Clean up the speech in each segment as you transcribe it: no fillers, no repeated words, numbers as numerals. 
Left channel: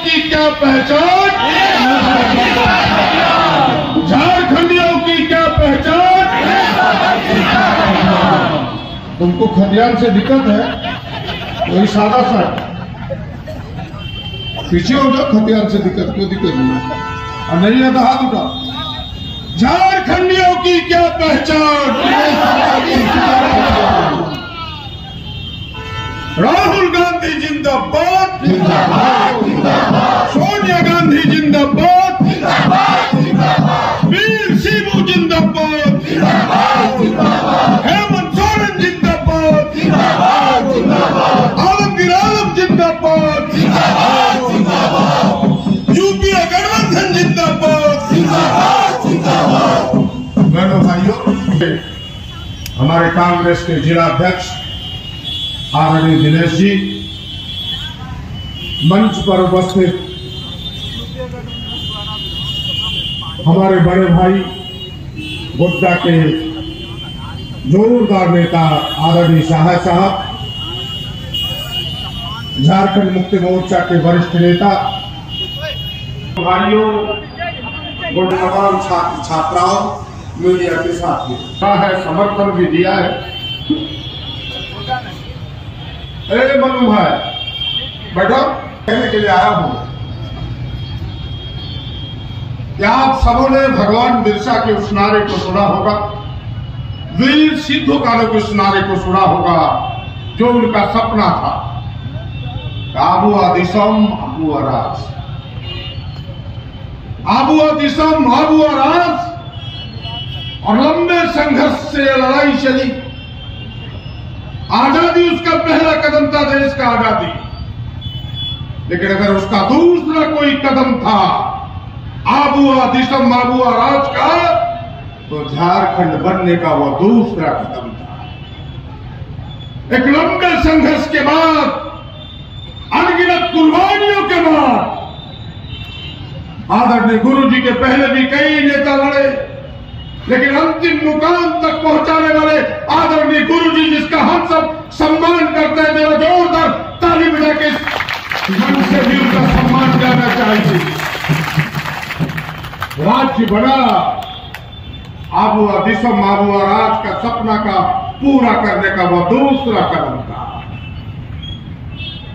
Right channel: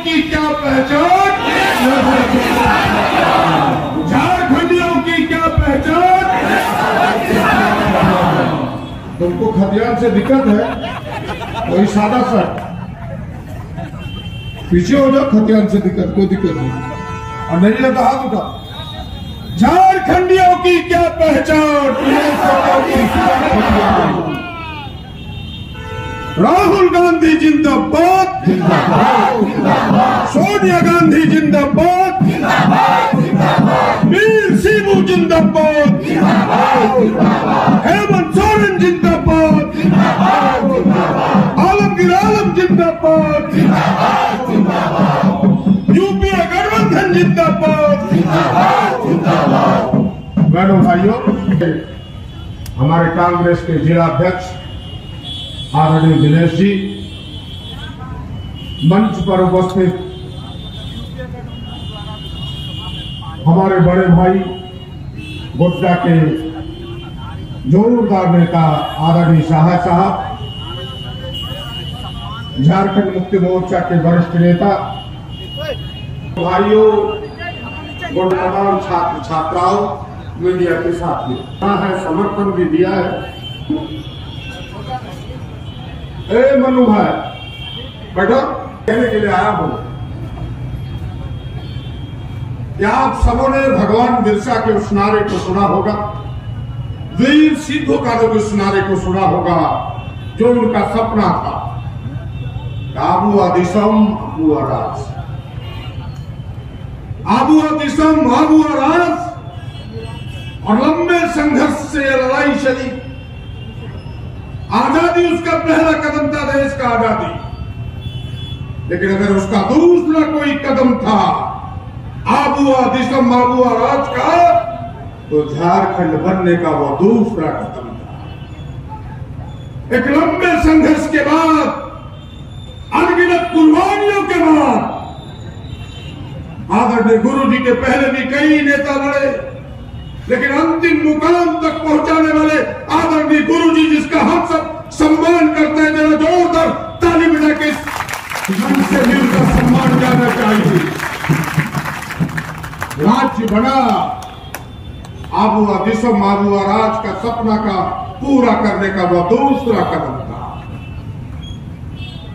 की क्या पहचान, झारखंडियों की क्या पहचान। तुमको खतियान से दिक्कत है, वही सादा सा पीछे हो जाओ। खतियान से दिक्कत, कोई दिक्कत नहीं। और नहीं रहता हाथ उठा। झारखंडियों की क्या पहचान, राहुल गांधी जिंदाबाद, सोनिया गांधी जिंदाबाद, वीर शिबू जिंदाबाद, हेमंत सोरेन जिंदाबाद, आलमगीर आलम जिंदाबाद, यूपीए गठबंधन जिंदाबाद। बहनों भाइयों, हमारे कांग्रेस के जिला अध्यक्ष आदरणीय दिनेश जी, मंच पर उपस्थित हमारे बड़े भाई गोड्डा के जोरदार नेता आदरणीय शाह साहब, झारखंड मुक्ति मोर्चा के वरिष्ठ नेता, भाइयों, तमाम छात्र छात्राओं, मीडिया के साथियों है, समर्थन भी दिया है। ए मनु भाई बैठो, कहने के लिए आया हूं कि आप सबों ने भगवान बिरसा के उस नारे को सुना होगा, वीर सिद्धू काले के उस नारे को सुना होगा, जो उनका सपना था, आबुआ दिसम आबुआ राज, आबुआ दिसम आबुआ राज। और लंबे संघर्ष से लड़ाई चली। आजादी उसका पहला कदम था, देश का आजादी। लेकिन अगर उसका दूसरा कोई कदम था आबुआ दिसम आबुआ राज का, तो झारखंड बनने का वो दूसरा कदम था। एक लंबे संघर्ष के बाद, अनगिनत कुर्बानियों के बाद, आदरणीय गुरु जी के पहले भी कई नेता लड़े, लेकिन अंतिम मुकाम तक पहुंचाने वाले आदरणीय गुरु जी, जिसका हम सब सम्मान करते हैं, जरा जोरदार ताली बजा के ढंग से भी उनका सम्मान करना चाहिए। राज्य बना, आबुआ दिसम आबुआ राज का सपना का पूरा करने का वह दूसरा कदम था।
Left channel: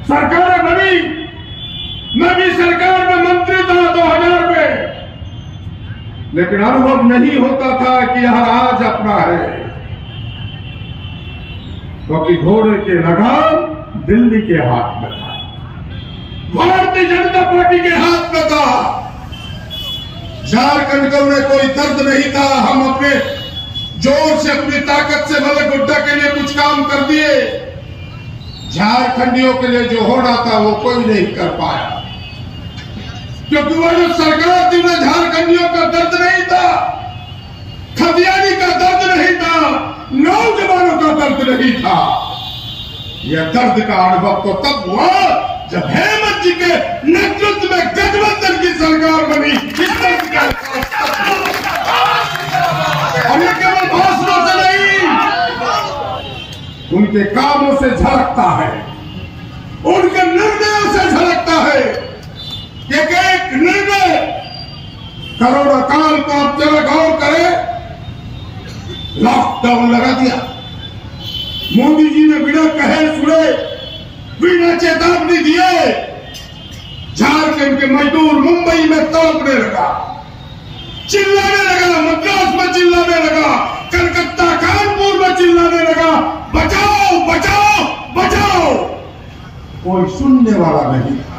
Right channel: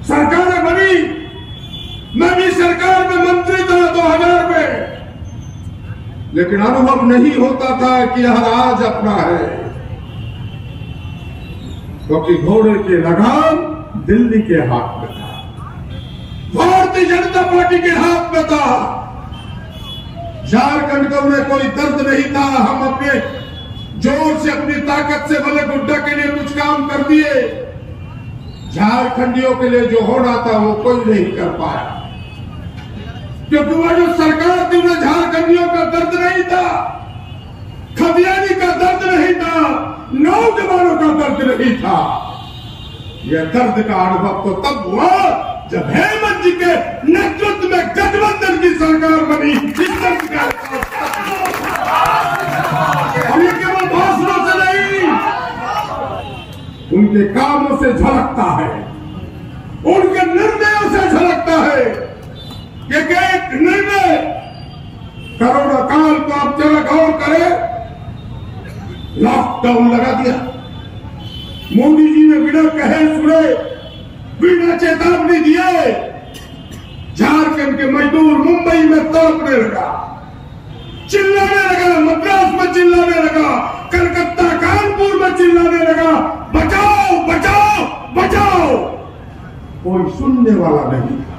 सरकारें बनी, मैं भी सरकार में मंत्री था 2000 में, लेकिन अनुभव नहीं होता था कि यह राज अपना है, क्योंकि घोड़े के लगाम दिल्ली के हाथ में था, भारतीय जनता पार्टी के हाथ में था। झारखंड को उन्हें कोई दर्द नहीं था। हम अपने जोर से, अपनी ताकत से भले गोड्डा के लिए कुछ काम कर दिए, झारखंडियों के लिए जो होना था वो कोई नहीं कर पाया, क्योंकि वह जो सरकार थी उन्हें झारखंडियों का दर्द नहीं था, खतियानी का दर्द नहीं था, नौजवानों का दर्द नहीं था। यह दर्द का अनुभव तो तब हुआ जब हेमंत जी के नेतृत्व में गठबंधन की सरकार बनी। इस दर्द का और ये केवल भाषणों से नहीं, उनके कामों से झलकता है, उनके निर्णयों से झलकता है। एक निर्णय, कोरोना काल को आप जरा गौर करें, लॉकडाउन लगा दिया मोदी जी ने, बिना कहे सुने, बिना चेतावनी दिए। झारखंड के मजदूर मुंबई में तड़पने लगा, चिल्लाने लगा, मद्रास में चिल्लाने लगा, कलकत्ता कानपुर में चिल्लाने लगा, बचाओ बचाओ बचाओ। कोई सुनने वाला नहीं था।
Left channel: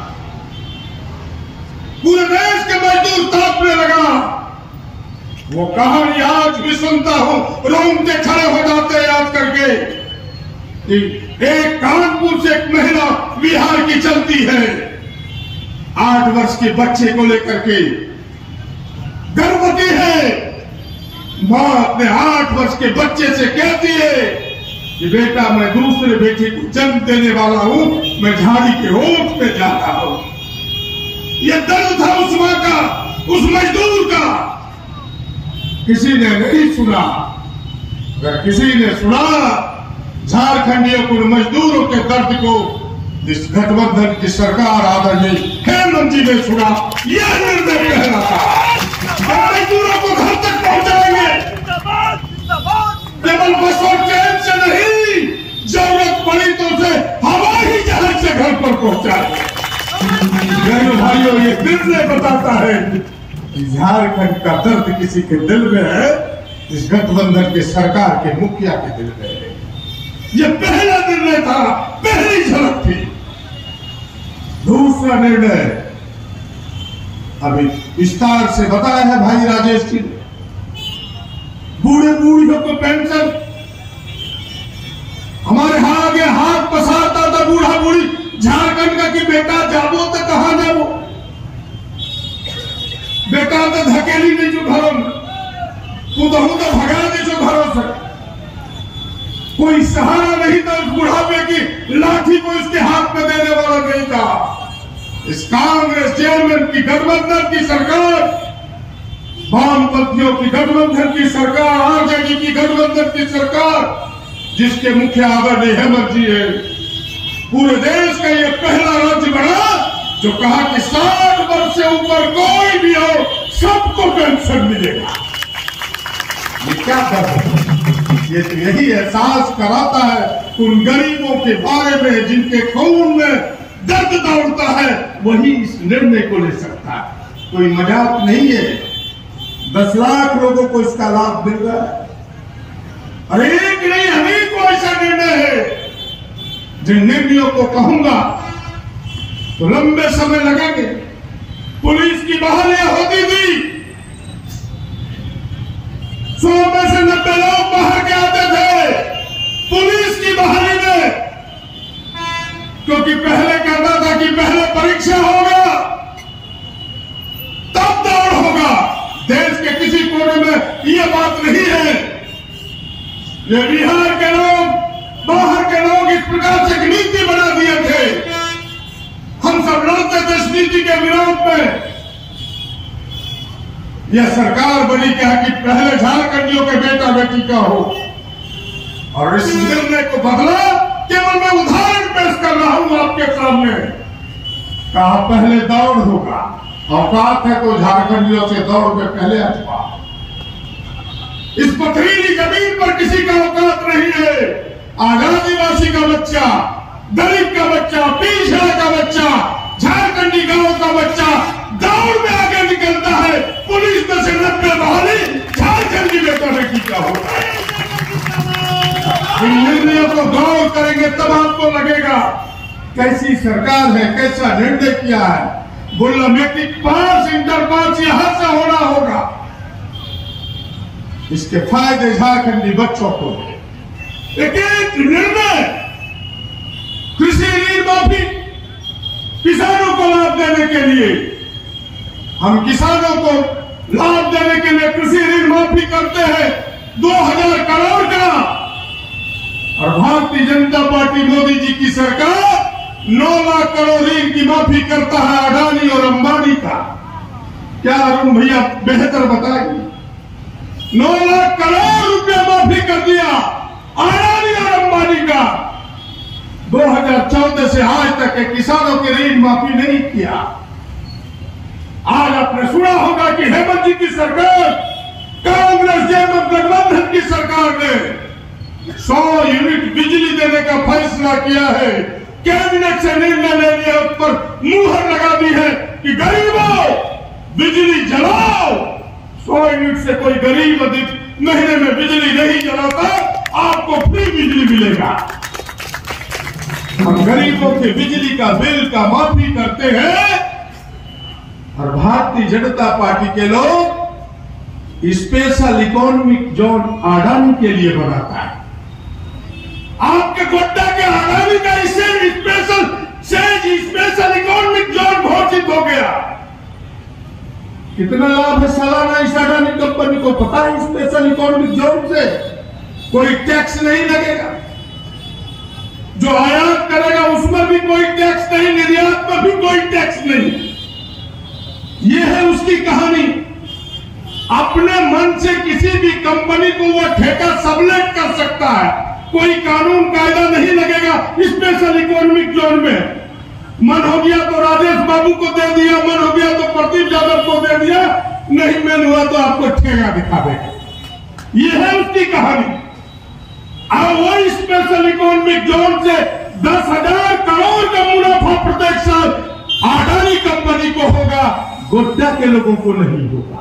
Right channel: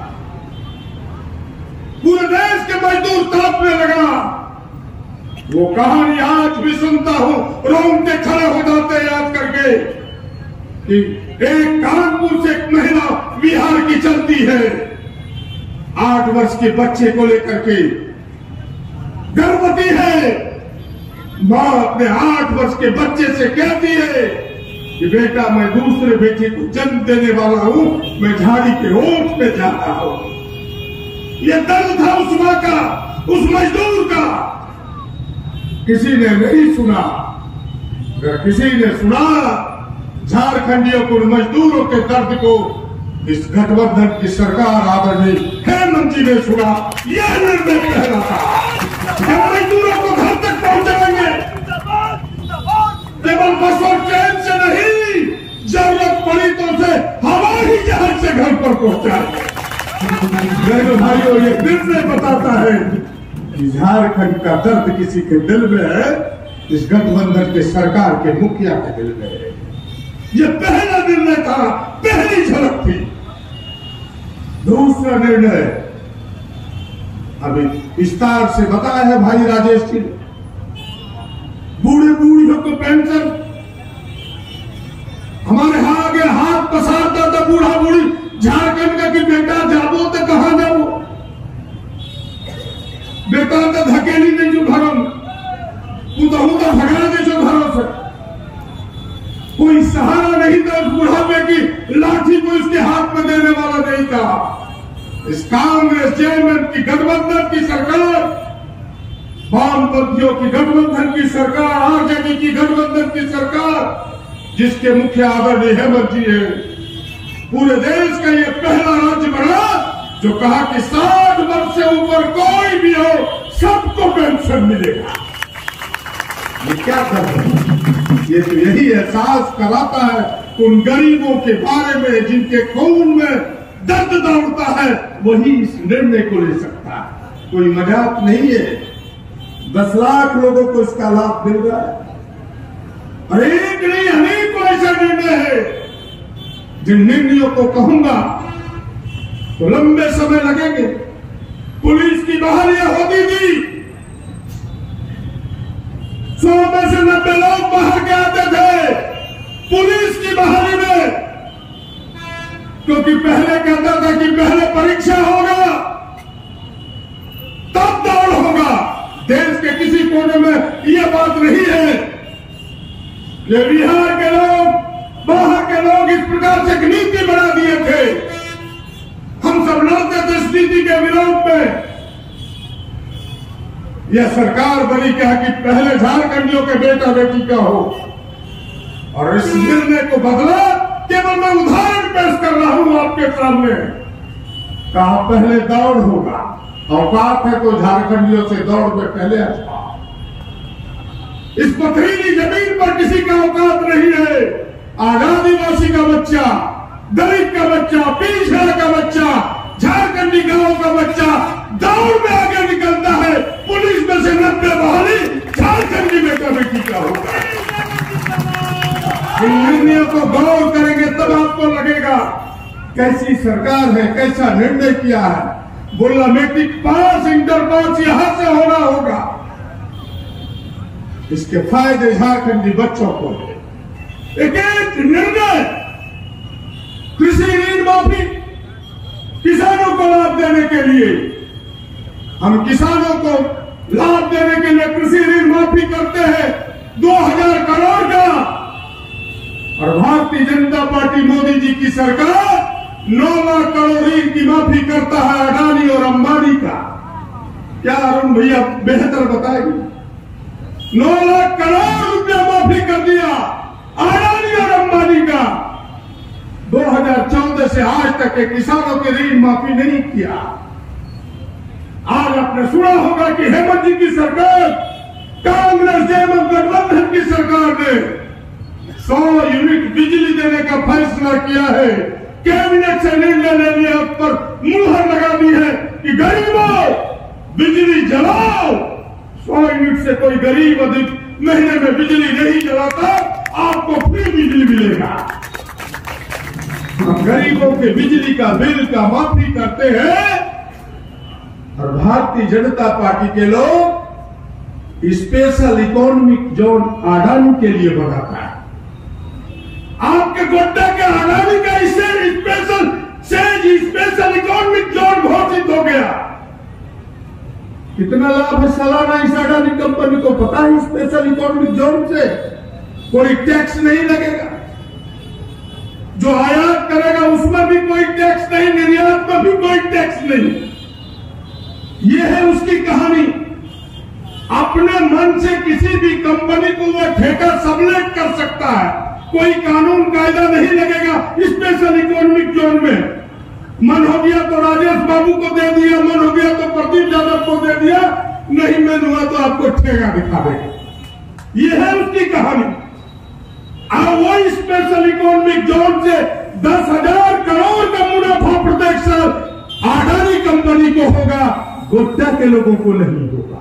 पूरे देश के मजदूर तड़पने लगा। वो कहानी आज भी सुनता हूं, रोंगटे खड़े हो जाते हैं याद करके कि एक कानपुर से एक महिला बिहार की चलती है, 8 वर्ष के बच्चे को लेकर के गर्भवती है। मां अपने 8 वर्ष के बच्चे से कहती है कि बेटा, मैं दूसरे बेटे को जन्म देने वाला हूं, मैं झाड़ी के ओठ पे जा रहा हूं। ये दर्द था उस मां का, उस मजदूर का। किसी ने नहीं सुना। अगर किसी ने सुना झारखंडियों को, मजदूरों के दर्द को, इस गठबंधन की सरकार आदरणीय हेमंत जी ने सुना, यह निर्णय पहला था। हम मजदूरों को घर तक पहुंचाएंगे, केवल बस और ट्रेन से नहीं, जरूरत पड़ी तो उसे हवाई जहाज से घर पर पहुंचाएंगे। मेरे भाइयों, ये निर्णय बताता है कि झारखंड का दर्द किसी के दिल में है, इस गठबंधन के सरकार के मुखिया के दिल में है। ये पहला निर्णय था, पहली झलक थी। दूसरा निर्णय अभी विस्तार से बताया है भाई राजेश जी ने। बूढ़े बूढ़ियों को पेंशन, हमारे आगे हाथ पसारता था बूढ़ा बूढ़ी झारखंड का कि बेटा जाबो तो कहां जाबो, बेटा तो धकेली नहीं जो घरों में, पुतहू तो भगा दे जो घरों से, कोई सहारा नहीं था उस बुढ़ापे की लाठी को इसके हाथ में देने वाला नहीं था। इस कांग्रेस चेयरमैन की गठबंधन की सरकार, वामपंथियों की गठबंधन की सरकार, आरजेडी की गठबंधन की सरकार, जिसके मुख्य आदरणीय हेमंत जी है, पूरे देश का ये पहला राज्य बना जो कहा कि 60 वर्ष से ऊपर कोई भी हो सबको पेंशन मिलेगा। ये क्या कर रहे हैं? ये तो यही एहसास कराता है उन गरीबों के बारे में जिनके खून में दर्द दौड़ता है, वही इस निर्णय को ले सकता है। कोई मजाक नहीं है। 10 लाख लोगों को इसका लाभ मिल रहा है। और एक नहीं अनेकों ऐसा निर्णय है जिन निर्णयों को कहूंगा तो लंबे समय लगेंगे। पुलिस की बहालियां होती थी, 100 में से 90 लोग बाहर के आते थे पुलिस की बहाली में, क्योंकि पहले कहता था कि पहले परीक्षा होगा तब दौड़ होगा। देश के किसी कोने में यह बात नहीं है। ये बिहार के लोग, बाहर के लोग इस प्रकार से एक नीति बना दिए थे। हम सब लड़ते थे इस नीति के विरोध में। यह सरकार बनी क्या कि पहले झारखंडियों के बेटा बेटी का हो, और इस निर्णय को बदला। केवल मैं उदाहरण पेश कर रहा हूं आपके सामने। कहा पहले दौड़ होगा, औकात है तो झारखंडियों से दौड़ में पहले अथवा। इस पथरीली जमीन पर किसी का औकात नहीं है। आदिवासी का बच्चा, दलित का बच्चा, पिछड़ा का बच्चा, झारखंडी गांव का बच्चा दौड़ में आगे निकलता है। पुलिस में से 90 बहाली झारखंडी बेटा बेटी का होता है। इन निर्णयों को गौर करेंगे तब आपको लगेगा कैसी सरकार है, कैसा निर्णय किया है। बोला मैट्रिक पास, इंटर पास यहां से होना होगा। इसके फायदे झारखंडी बच्चों को है। एक निर्णय, कृषि ऋण माफी, किसानों को लाभ देने के लिए, हम किसानों को लाभ देने के लिए कृषि ऋण माफी करते हैं 2000 करोड़ का। और भारतीय जनता पार्टी मोदी जी की सरकार 9 लाख करोड़ ऋण की माफी करता है अडानी और अंबानी का। क्या अरुण भैया बेहतर बताएंगे? 9 लाख करोड़ रुपया माफी कर दिया अडानी और अंबानी का। 2014 से आज तक के किसानों के ऋण माफी नहीं किया। आज आपने सुना होगा कि हेमंत जी की सरकार, कांग्रेस जयमत गठबंधन की सरकार ने 100 यूनिट बिजली देने का फैसला किया है। कैबिनेट से निर्णय ले लिया, उस पर मुहर लगा दी है कि गरीबों बिजली जलाओ। 100 यूनिट से कोई गरीब महीने में बिजली नहीं जलाता, आपको फ्री बिजली मिलेगा। हम गरीबों के बिजली का बिल का माफी करते हैं। और भारतीय जनता पार्टी के लोग स्पेशल इकोनॉमिक जोन अडानी के लिए बनाता है। आपके गोड्डा के अडानी का इससे स्पेशल इकोनॉमिक जोन घोषित हो गया। कितना लाभ है सालाना इस अडानी कंपनी को पता है? स्पेशल इकोनॉमिक जोन से कोई टैक्स नहीं लगेगा। जो आयात करेगा उसमें भी कोई टैक्स नहीं, निर्यात में भी कोई टैक्स नहीं। यह है उसकी कहानी। अपने मन से किसी भी कंपनी को वो ठेका सबलेट कर सकता है, कोई कानून कायदा नहीं लगेगा। स्पेशल इकोनॉमिक जोन में मन हो गया तो राजेश बाबू को दे दिया, मन ठेगा दिखा देगा। यह है उसकी कहानी। और वही स्पेशल इकोनॉमिक जोन से 10,000 करोड़ का मुनाफा प्रत्येक साल अडानी कंपनी को होगा, गोड्डा के लोगों को नहीं होगा,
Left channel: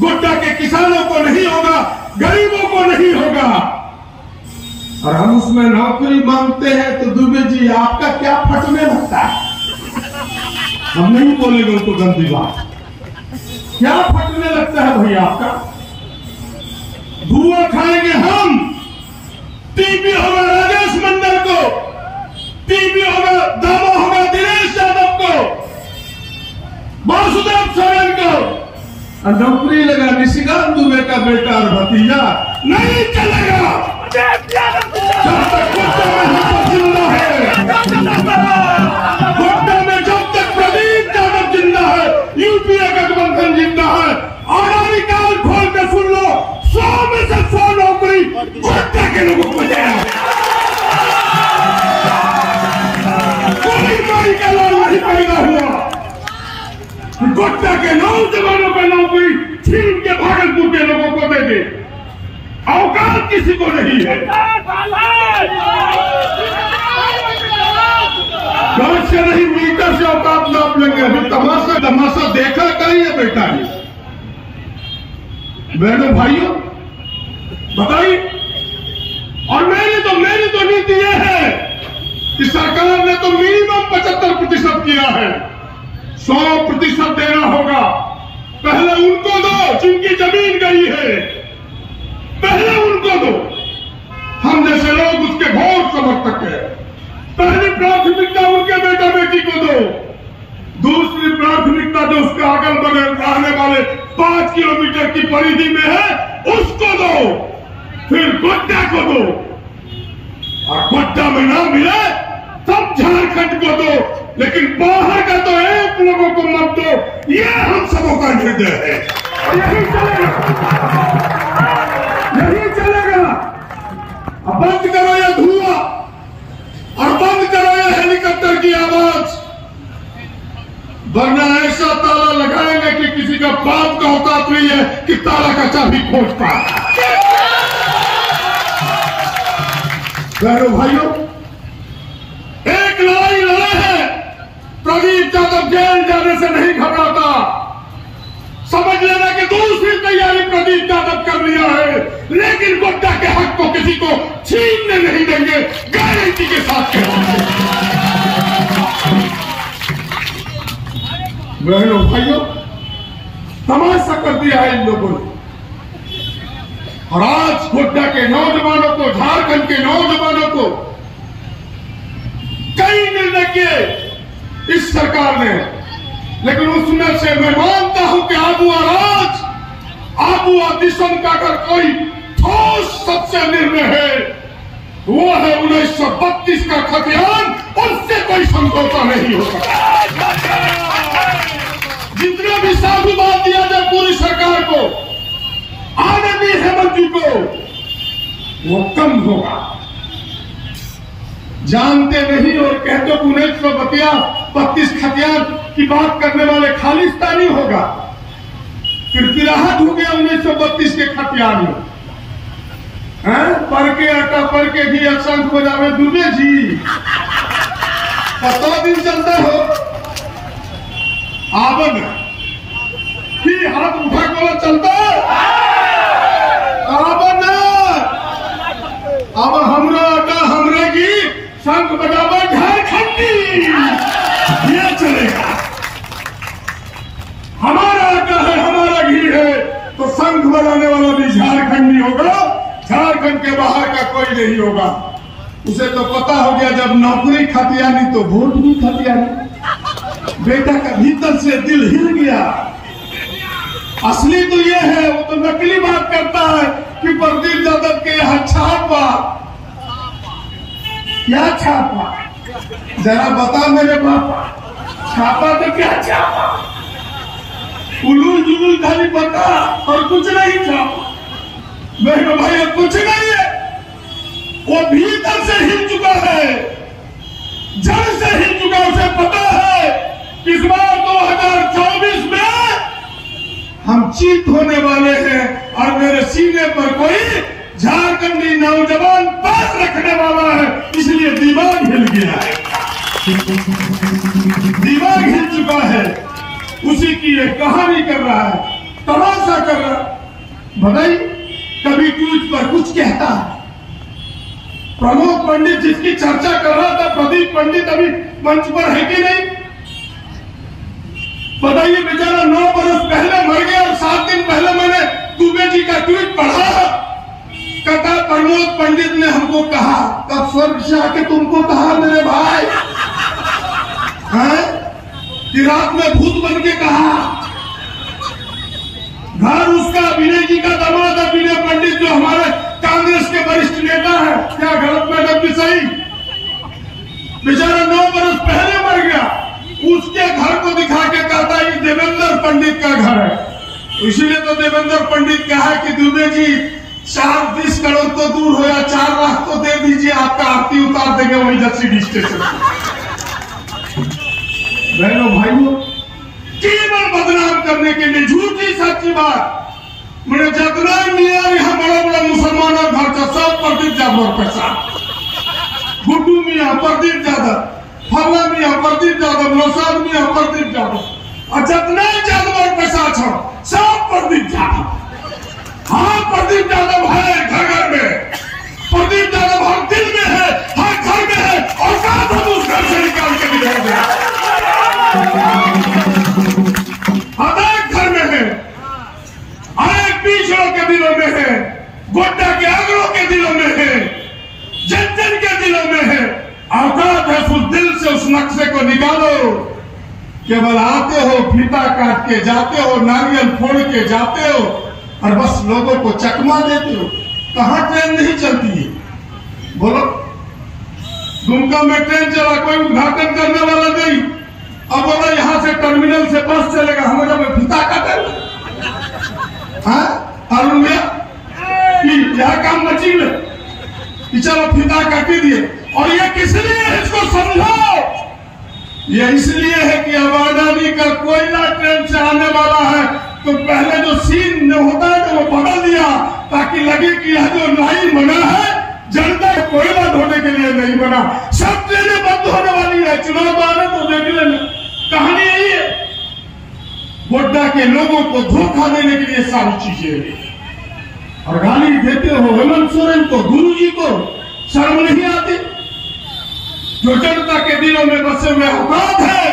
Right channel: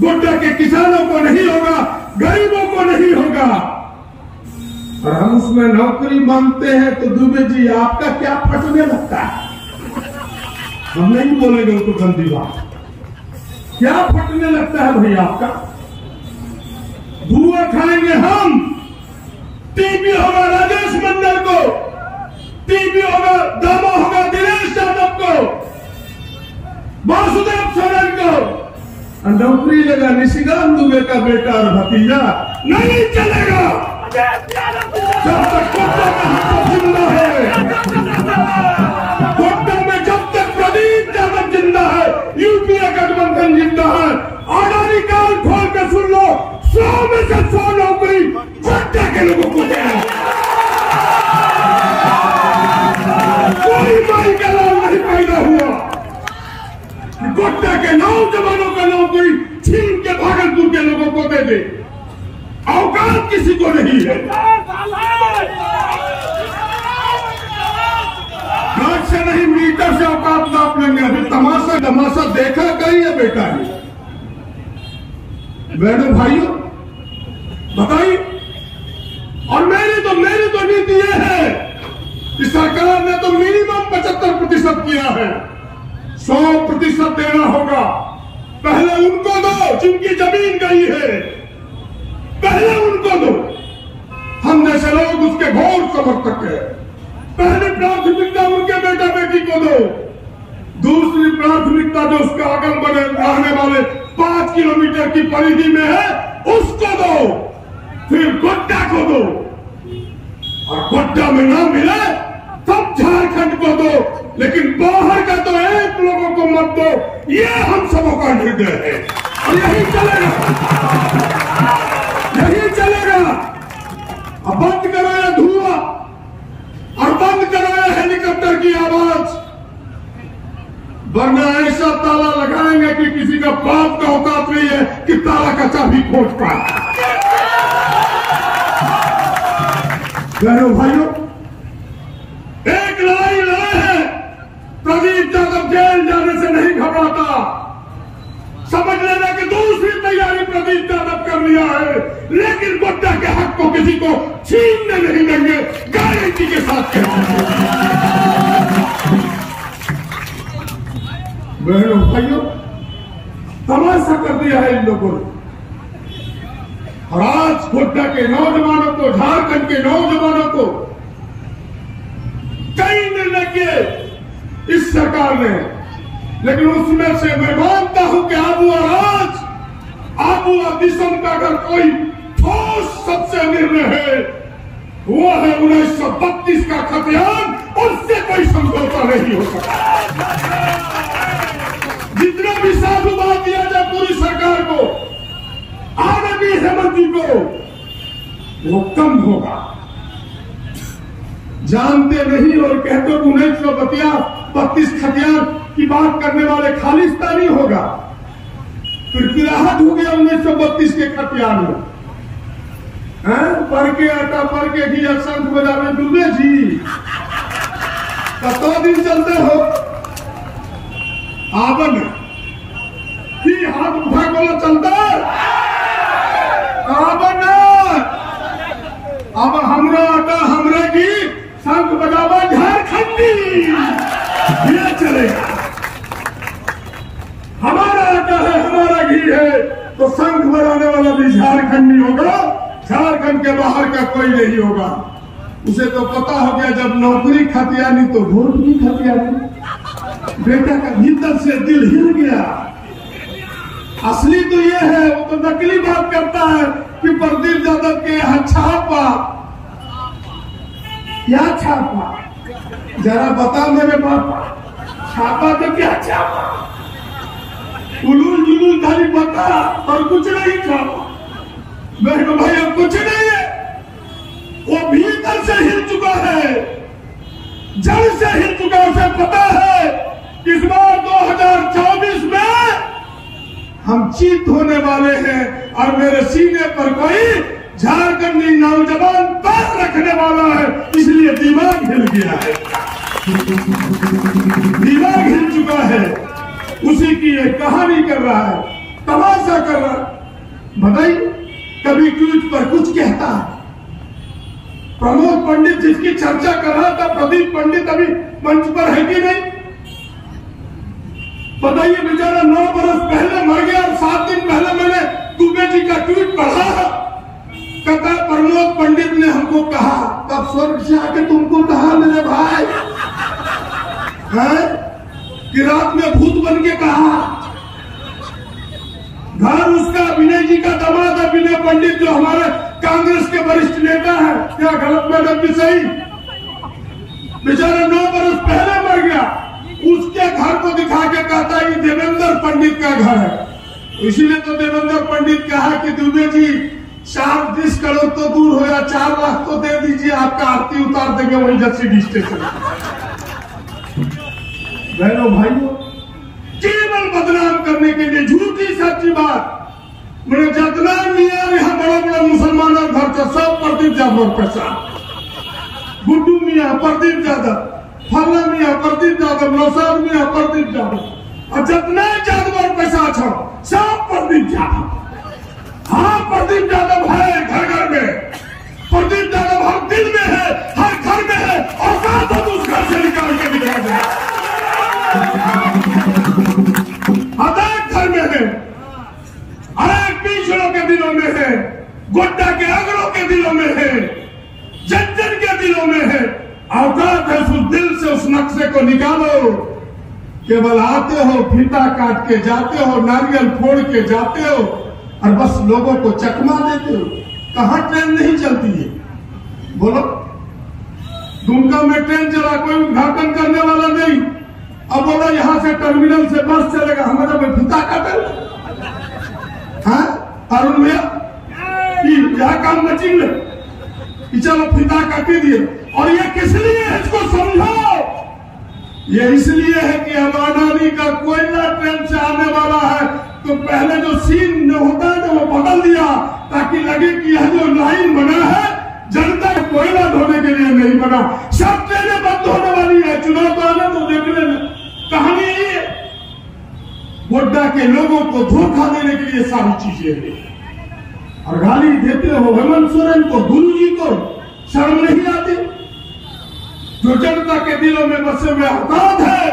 गोड्डा के किसानों को नहीं होगा, गरीबों को नहीं होगा। और हम उसमें नौकरी मांगते हैं तो दुबे जी आपका क्या फटने लगता है? हम नहीं बोलेंगे उनको गंदी बात। क्या फटने लगता है भैया आपका? धुआं खाएंगे हम। टीबी होगा राजेश मंडल को, टीबी होगा दामा होगा दिनेश यादव को, वासुदेव सोरेन को, और नौकरी लगा निशिकांत दुबे का बेटा और भतीजा। नहीं चलेगा जब तक गोड्डा में हम जिंदा है, गोड्डा में जब तक प्रदीप यादव जिंदा है, यूपीए गठबंधन जिंदा है। अडानी काल खोल के सुन लो, 100 में से 100 नौकरी गोड्डा के लोगों को देना। कोई माई का लाल नहीं पैदा हुआ गोड्डा के नौजवानों का नौकरी छीन के भागलपुर के लोगों को दे दे। औकात किसी को नहीं है। गाज से नहीं मीटर से औकात नाप लेंगे। अभी तमाशा देखा कहीं है बेटा? बहनों भाइयों बताइए। और मेरी तो नीति यह है कि सरकार ने तो मिनिमम 75% किया है, 100% देना होगा। पहले उनको दो जिनकी जमीन गई है, पहले उनको दो। हम जैसे लोग उसके घोर समर्थक हैं। पहली प्राथमिकता उनके बेटा बेटी को दो, दूसरी प्राथमिकता जो उसका अगल बगल रहने वाले 5 किलोमीटर की परिधि में है उसको दो, फिर गोड्डा को दो, और गोड्डा में ना मिले तब झारखंड को दो, लेकिन बाहर का तो एक लोगों को मत दो। ये हम सबों का निर्णय है और यही चलेगा, यही चलेगा। अब बंद करो ये धुआं और बंद करो ये हेलीकॉप्टर की आवाज, वरना ऐसा ताला लगाएंगे कि किसी का बाप का औकात नहीं है कि ताला का चाबी खोज पाए। बहनों भाइयों, एक लड़ाई लड़ा है। प्रदीप यादव जेल जाने से नहीं घबराता। समझ लेना कि दूसरी तैयारी प्रदीप यादव कर लिया है, लेकिन गोड्डा के हक को किसी को छीनने नहीं देंगे, गारंटी के साथ कहते हैं। बहनों भाइयों, तमाशा कर दिया है इन लोगों ने। और आज गोड्डा के नौजवानों को, झारखंड के नौजवानों को कई निर्णय किए इस सरकार ने, लेकिन उसमें से मैं मानता हूं कि आबुआ दिसम का अगर कोई ठोस सबसे निर्णय है वो है 1932 का खतियान। उससे कोई समझौता नहीं हो सकता। जितना भी साधुवाद दिया जाए पूरी सरकार को, आनंदी हेमंत जी को, वो कम होगा। जानते नहीं और कहते 1932 खतियान की बात करने वाले खालिस्तानी होगा। फिर फिराहट हो गया 1932 के खतियान में। पर के आटा पर के घी शंख बजावे दुबे जी, 100 दिन चलते हो आवन की हाथ उठा को चलता आवन। अब हमरा आटा हमरा घी शंख बजावा झारखंडी, ये चलेगा। हमारा आटा है, हमारा घी है, तो शंख बजाने वाला भी झारखंडी होगा। झारखंड के बाहर का कोई नहीं होगा। उसे तो पता हो गया जब नौकरी खतियानी तो वोट भी खतियानी। बेटा का भीतर से दिल हिल गया। असली तो ये है, वो तो नकली बात करता है कि प्रदीप यादव के यहाँ छापा। क्या छापा? जरा बता मेरे बाप, छापा तो क्या छापा? उलूल जुलूल खाली बता और कुछ नहीं छापा। बहनों भाई कुछ नहीं है, वो भीतर से हिल चुका है, जड़ से हिल चुका। उसे पता है इस बार 2024 में हम जीत युद्ध होने वाले हैं और मेरे सीने पर कोई झारखंडी नौजवान पैर रखने वाला है, इसलिए दिमाग हिल गया है, दिमाग हिल चुका है। उसी की एक कहानी कर रहा है, तमाशा कर रहा है। बताइए, कभी ट्वीट पर कुछ कहता है। प्रमोद पंडित जिसकी चर्चा कर रहा था, प्रदीप पंडित अभी मंच पर है कि नहीं? बताइए, बेचारा 9 बरस पहले मर गया और 7 दिन पहले मैंने दुबे जी का ट्वीट पढ़ा। कहता प्रमोद पंडित ने हमको कहा, तब स्वर्ग से आके तुमको कहा मेरे भाई है? कि रात में भूत बन के कहा। घर उसका विनय जी का दामाद है, विनय पंडित, जो हमारे कांग्रेस के वरिष्ठ नेता है। क्या गलत मैडम की सही? बेचारा 9 बरस पहले मर गया, उसके घर को दिखा के कहता है देवेंद्र पंडित का घर है। इसीलिए तो देवेंद्र पंडित कहा कि दुबे जी 40 करोड़ तो दूर हो या 4 लाख तो दे दीजिए, आपका आरती उतार देंगे वही जसीडी स्टेशन। बहनों भाइयों, केवल बदनाम करने के लिए झूठी सच्ची बात। मैंने जितना मियाँ यहाँ बड़ा बड़ा मुसलमानों घर का सब प्रदीप यादव पैसा, गुड्डू मियाँ प्रदीप यादव, फला मियाँ प्रदीप यादव, नौसाद मियाँ प्रदीप यादव, और जितना यादव पैसा छो सब प्रदीप यादव। हाँ, प्रदीप यादव है घर घर में, प्रदीप यादव हर दिल में है, हर घर में है, और साथ हम उस घर से निकाल के निकाल दिया। हर घर में है, हर पिछड़ों के दिलों में है, गोड्डा के अगलों के दिलों में है, जन जन के दिलों में है। औकात है उस दिल से उस नक्शे को निकालो। केवल आते हो, फीता काट के जाते हो, नारियल फोड़ के जाते हो और बस लोगों को चकमा देते हो। कहां ट्रेन नहीं चलती है? बोलो, दुमका में ट्रेन चला, कोई उद्घाटन करने वाला नहीं। अब बोला यहां से टर्मिनल से बस चलेगा, हमारा में फीता काटे। अरुण भैया यह काम बची में कि चलो फीता काटी दिए। और ये किस लिए है, इसको समझो। ये इसलिए है कि अब अडानी का कोयला ट्रेन से आने वाला है, तो पहले जो सीन होता है वो बदल दिया, ताकि लगे कि यह जो लाइन बना है जनता को कोयला ढोने के लिए नहीं बना। सब ट्रेनें बंद होने वाली है, चुनाव तो आने तो देख लेना। कहानी यही है, गोड्डा के लोगों को धोखा देने के लिए सारी चीजें। और गाली देते हो हेमंत सोरेन को, गुरुजी को, शर्म नहीं आती? जो जनता के दिलों में बसे हुए औकात है,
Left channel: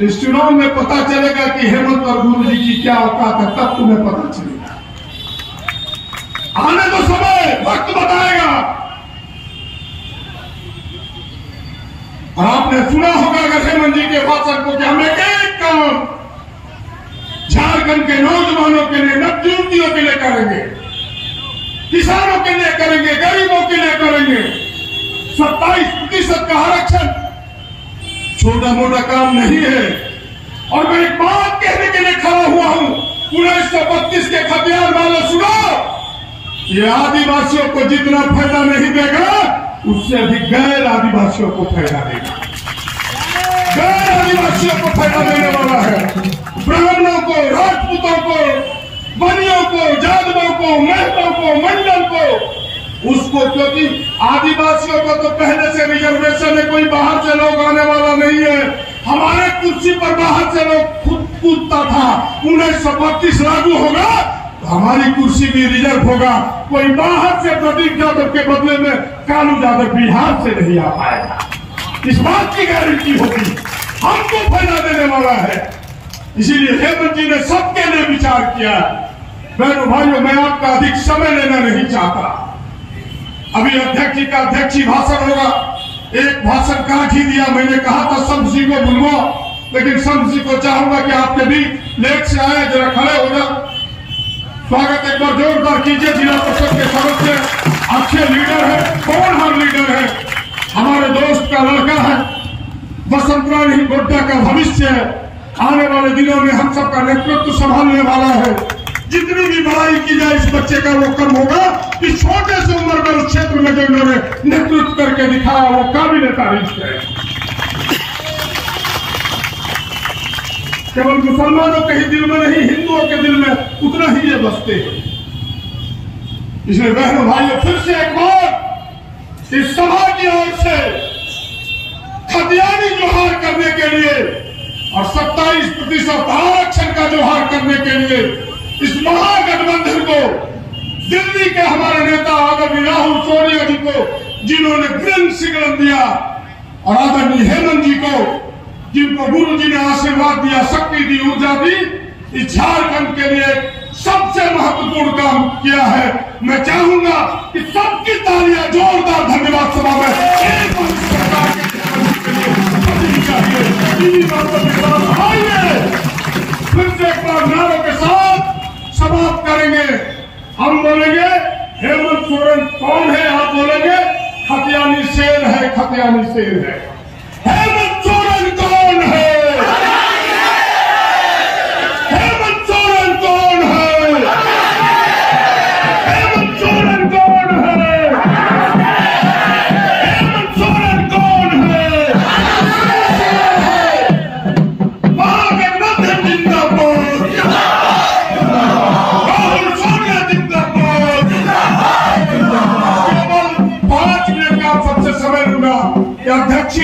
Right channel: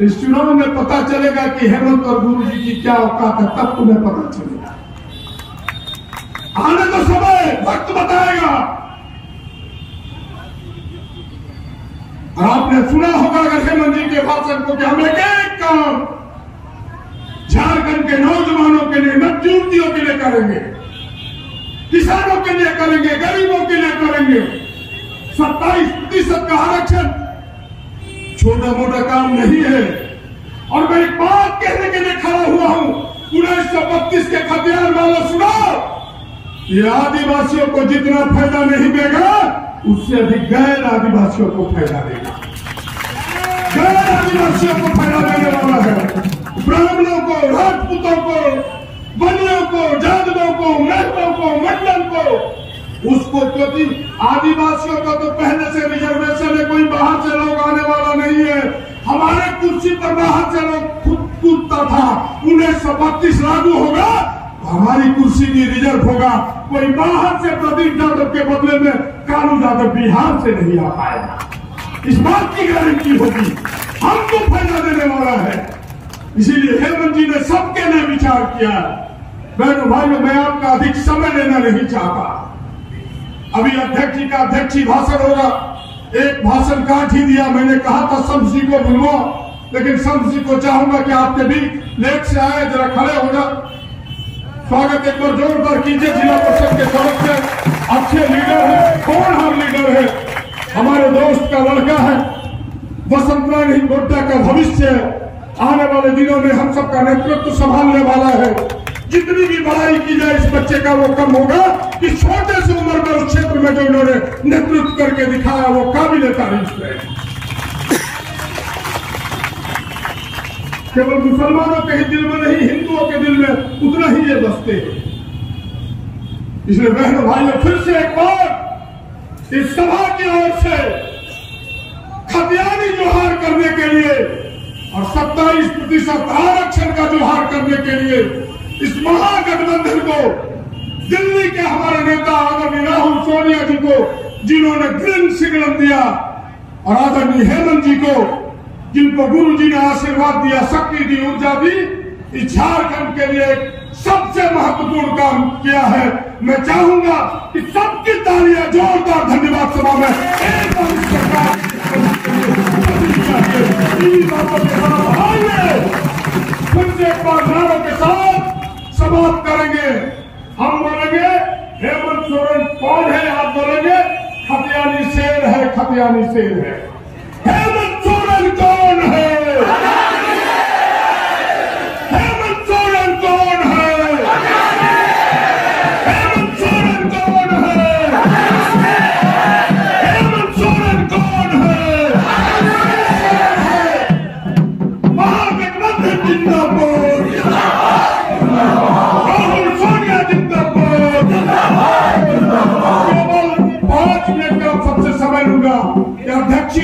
इस चुनाव में पता चलेगा कि हेमंत और गुरुजी की क्या औकात है, तब तुम्हें पता चलेगा। आने तो समय वक्त बताएगा। और आपने सुना होगा अगर हेमंत जी के भाषण को कि हम एक काम झारखंड के नौजवानों के लिए, नवयुवतियों के लिए करेंगे, किसानों के लिए करेंगे, गरीबों के लिए करेंगे। 27% का आरक्षण छोटा मोटा काम नहीं है। और मैं एक बात कहने के लिए खड़ा हुआ हूं, 1932 के खतियार वालों, सुनो, ये आदिवासियों को जितना फायदा नहीं देगा, उससे अधिक गैर आदिवासियों को फायदा देगा। गैर आदिवासियों को फायदा देने वाला है। ब्राह्मणों को, राजपूतों को, बनियों को, जादवों को, महतों को, मंडल को, उसको, क्योंकि आदिवासियों का तो पहले से रिजर्वेशन है, कोई बाहर से लोग आने वाला नहीं है। हमारे कुर्सी पर बाहर से लोग खुद कूदता था। 1932 लागू होगा तो हमारी कुर्सी भी रिजर्व होगा। कोई बाहर से प्रदीप यादव के बदले में कालू यादव बिहार से नहीं आ पाएगा। इस बात की गारंटी होगी, हमको फायदा देने वाला है। इसीलिए हेमंत जी ने सबके लिए विचार किया। बहनों भाइयों, मैं आपका अधिक समय लेना नहीं चाहता। अभी अध्यक्ष जी का अध्यक्षी भाषण होगा। एक भाषण काट ही दिया, मैंने कहा था शम्स जी को बुलवाओ, लेकिन शम्स जी को चाहूंगा कि आपके बीच लेट से आए, जरा खड़े हो जाओ। स्वागत एक बार जोरदार कीजिए जिला परिषद के सदस्य, अच्छे लीडर है, पवनहार लीडर है, हमारे दोस्त का लड़का है, बसंत रानी गोड्डा का भविष्य है, आने वाले दिनों में हम सबका नेतृत्व संभालने वाला है। जितनी भी बड़ाई की जाए इस बच्चे का वो कम होगा कि छोटे से उम्र में उस क्षेत्र में जो इन्होंने नेतृत्व करके दिखाया वो काबिल तारीफ है। केवल मुसलमानों के ही दिल में नहीं, हिंदुओं के दिल में उतना ही ये बसते हैं। इसलिए बहनों भाइयों, फिर से एक बार इस सभा की ओर से खतियानी जोहार करने के लिए और 27% आरक्षण का जोहार करने के लिए इस महागठबंधन को, दिल्ली के हमारे नेता आदरणीय राहुल सोनिया जी को, जिन्होंने ग्रीन सिग्नल दिया, और आदरणीय हेमंत जी को, जिनको गुरु जी ने आशीर्वाद दिया, शक्ति दी, ऊर्जा दी, इस झारखंड के लिए सबसे महत्वपूर्ण काम किया है। मैं चाहूंगा कि सबकी तालियां जोरदार धन्यवाद सभा में फिर से एक बार नारों के साथ समाप्त करेंगे। हम बोलेंगे हेमंत सोरेन कौन है, आप बोलेंगे खतियानी शेर है, खतियानी शेर है। हेमंत सोरेन कौन है? हेमंत सोरेन कौन है? हेमंत सोरेन कौन है? हेमंत सोरेन कौन है? महागठबंधन जिंदाबाद, राहुल सोनिया जिंदाबाद। केवल 5 मिनट का सबसे समय लूंगा। अध्यक्ष